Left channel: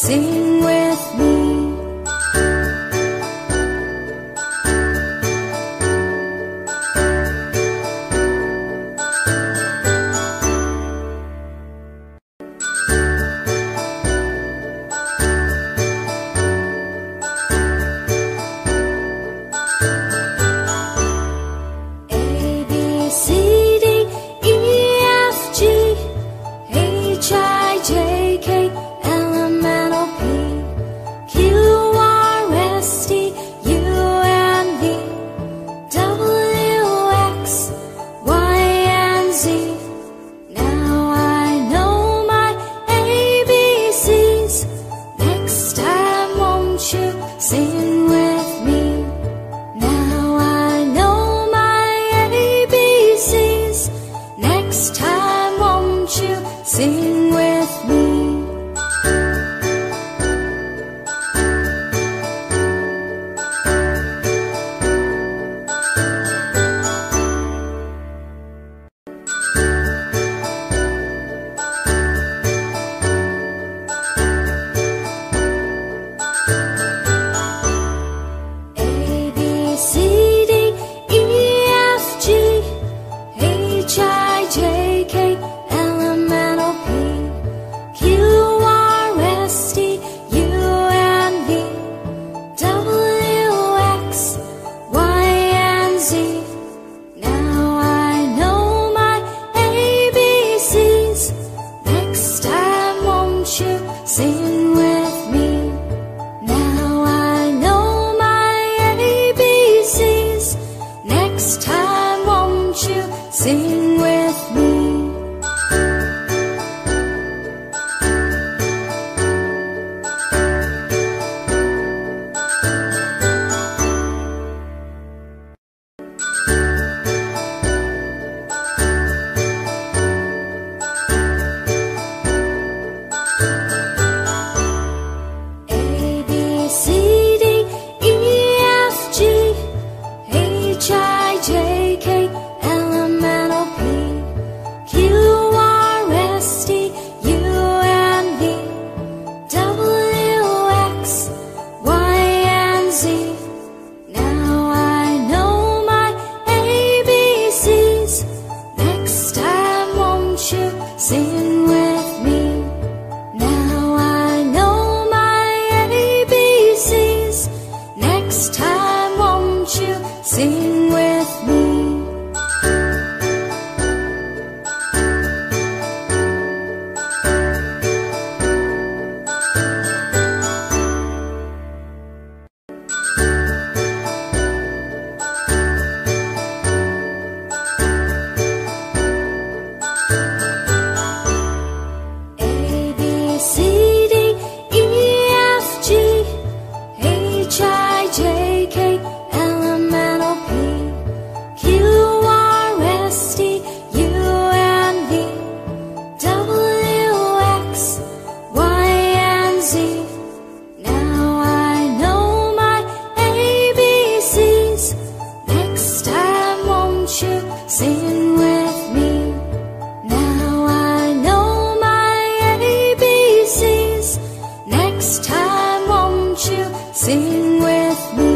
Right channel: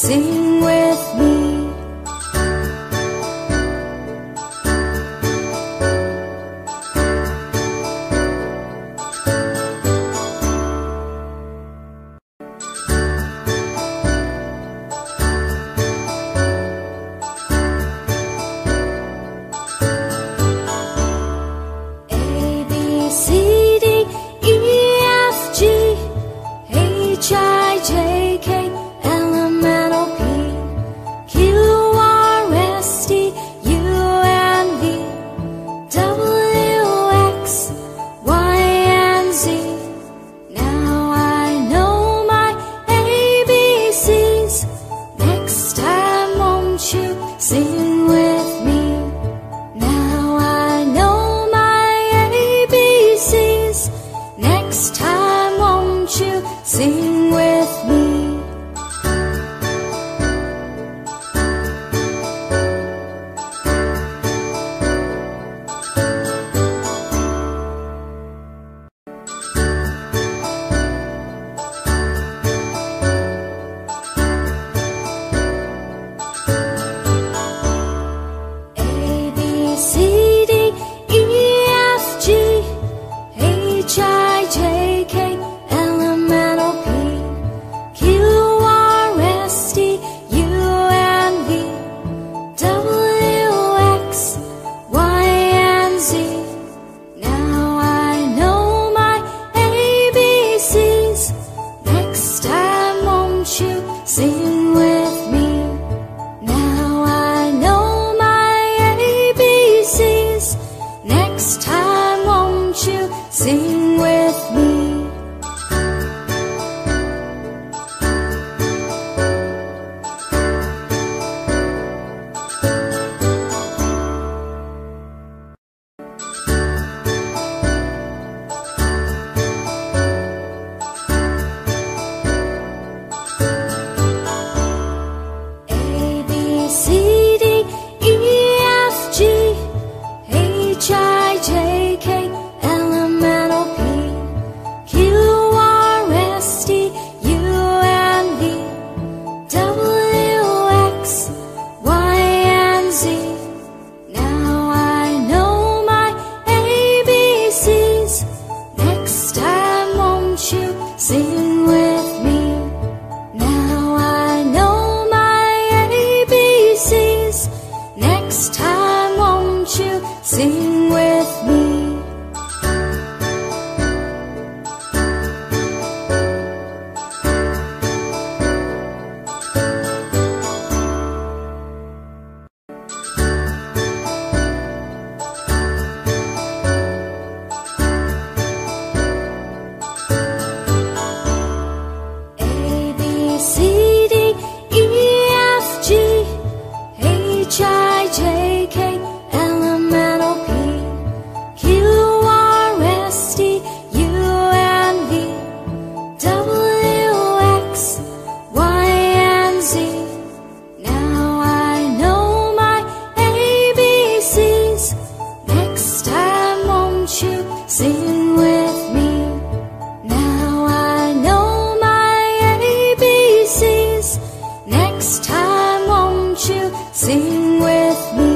sing with me. Sing with me. Now I know my ABCs. Next time won't you sing with me? Sing with me. Now I know my ABCs. Next time won't you sing with me? Sing with me. Now I know my ABCs. Next time won't you sing with me? Sing with me. Now I know my ABCs. Next time won't you sing with me?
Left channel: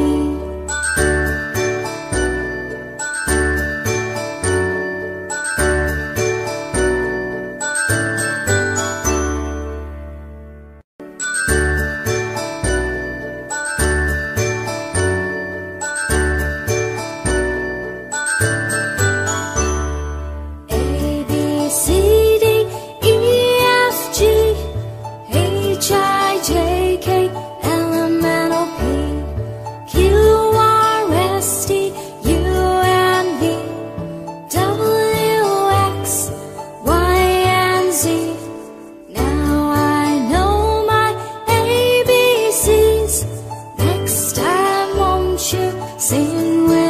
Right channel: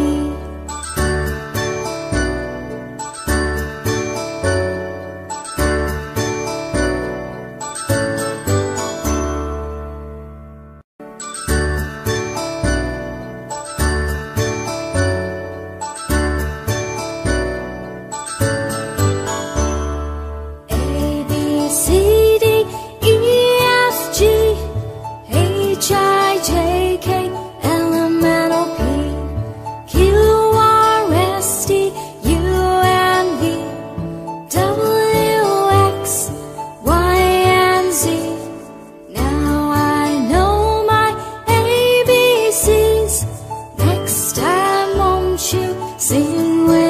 Sing with